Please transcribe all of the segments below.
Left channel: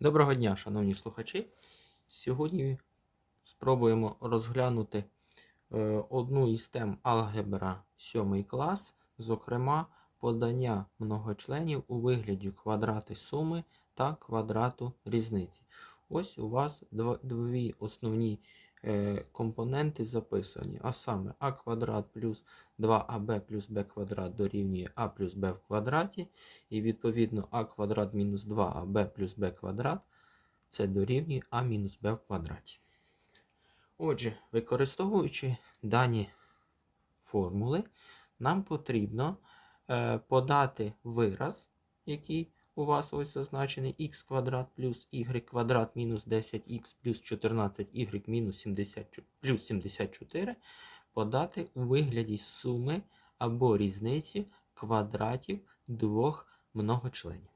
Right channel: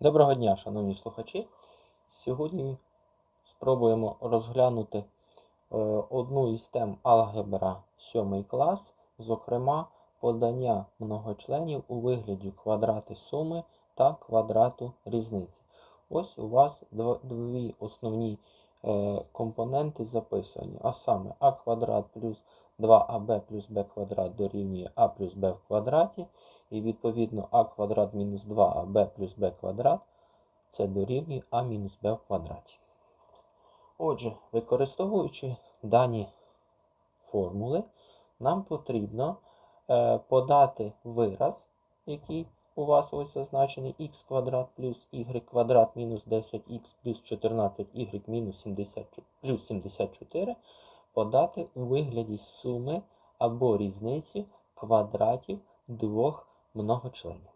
Доброго дня, шановні слухачі. Сьогодні спробуємо розглянути е, одну із тем алгебра 7 клас, зокрема, подання многочленів у вигляді квадрати суми та квадрату різниці. Ось у вас дві основні компоненти записані, а саме а квадрат плюс 2аб плюс b квадрат дорівнює а плюс b в квадраті, і відповідно а квадрат мінус 2аб плюс b квадрат це дорівнює а мінус b в квадраті. Отже, використовуючи дані формули, нам потрібно е, подати вираз, який у вас ось зазначений х квадрат плюс y квадрат мінус 10х плюс 14y мінус 70, плюс 74, подати у вигляді суми або різниці квадратів двох многочленів.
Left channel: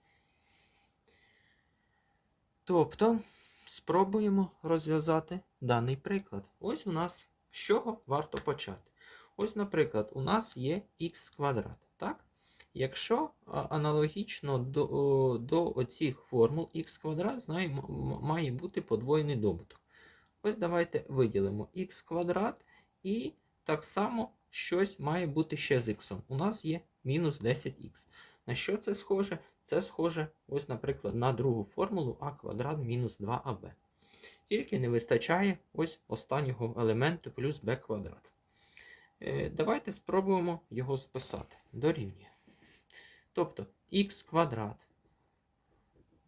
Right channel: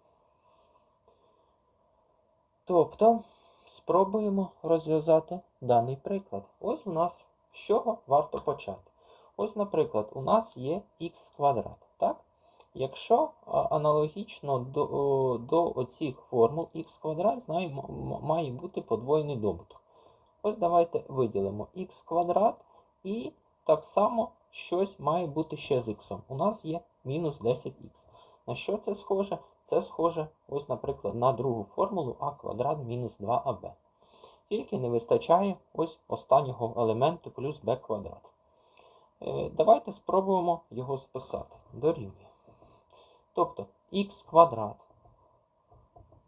Тобто, спробуємо розв'язати даний приклад. Ось у нас з чого варто почати. Ось, наприклад, у нас є х квадрат. Так? Якщо аналогічно до, до оцих формул х квадрат знаємо, м- має бути подвоєний добуток. Ось давайте виділимо х квадрат і так само щось має бути ще з х. У нас є мінус 10х. На що це схоже? Це схоже, ось, наприклад, на другу формулу а квадрат мінус 2аб. Тільки не вистачає ось останнього елементу плюс b квадрат. Е, Давайте спробуємо його списати. Дорівнює. Тобто х квадрат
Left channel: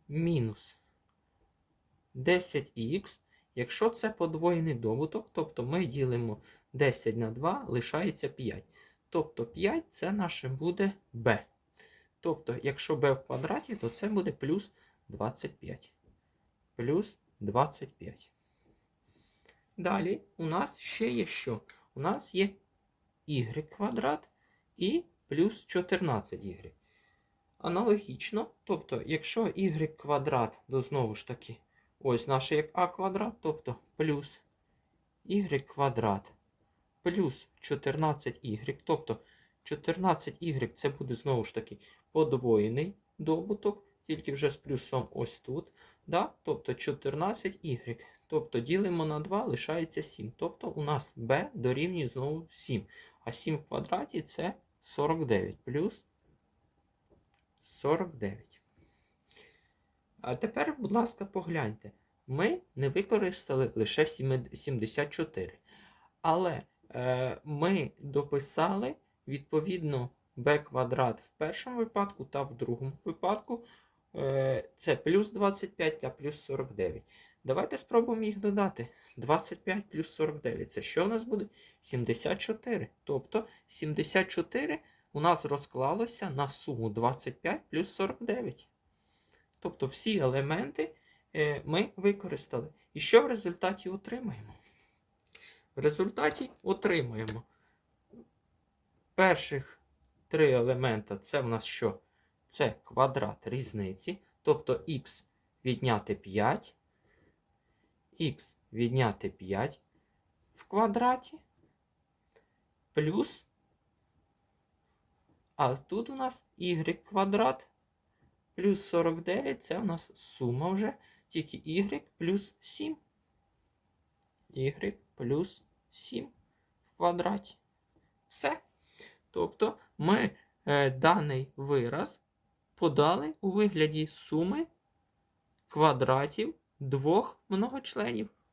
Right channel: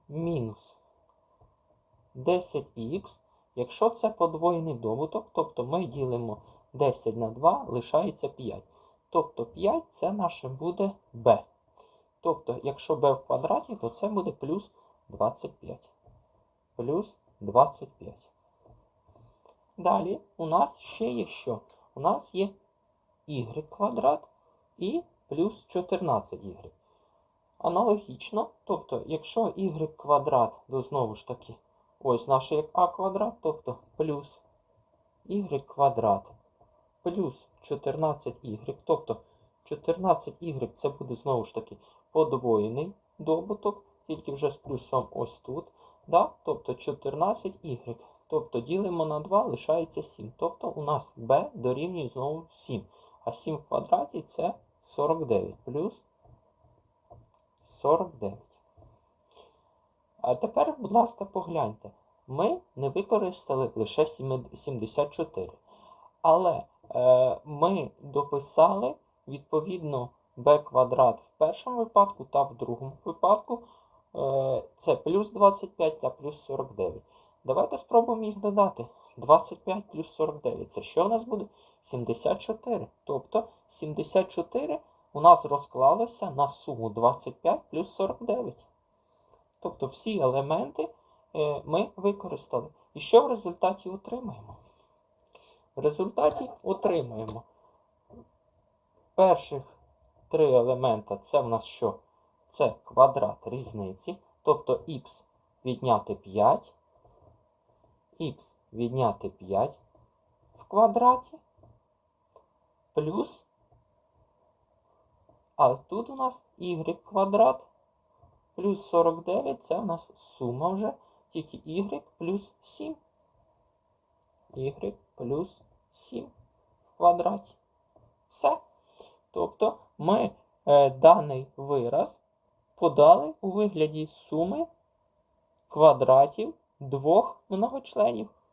мінус 10х, якщо це подвоєний добуток, тобто ми ділимо 10 на 2, лишається 5. Тобто 5 це наше буде b. Тобто, якщо b в квадраті, то це буде плюс 25. Плюс 25. Далі у нас ще є що? У нас є y квадрат і плюс 14y. Аналогічно, тобто, якщо y квадрат, то знову ж таки, ось наше як а квадрат, тобто плюс y квадрат плюс 14y, тобто 14y це буде знову ж таки подвоєний добуток, тільки вже з плюсом ось тут. Да? Тобто 14y. Тобто ділимо на 2, лишається 7. Тобто у нас b дорівнює знову 7. А 7 в квадраті це 49 плюс 49. А тепер, будь ласка, погляньте. Ми не використали лише 74. Але е, ми дописали відповідно b квадрат в першому випадку та в другому випадку. Е, це плюс 25 та плюс 49. Давайте спробуємо їх додати. 25 плюс 49. Це що у нас буде? 74. Тобто 74 у нас розклалося на суму 25 плюс 49. Тобто всі елементи е, ми використали. І що в результаті отримаємо? В результаті отримаємо перших три елемента це в нас що? Це квадрат різниці. Тобто х відняти 5, х відняти 5 в квадраті плюс. А тут у нас y квадрат плюс 49 це у нас сума вже тільки y плюс 7. y плюс 7 в квадраті. Все. Тобто ми е, даний вираз подали у вигляді суми квадратів двох многочленів.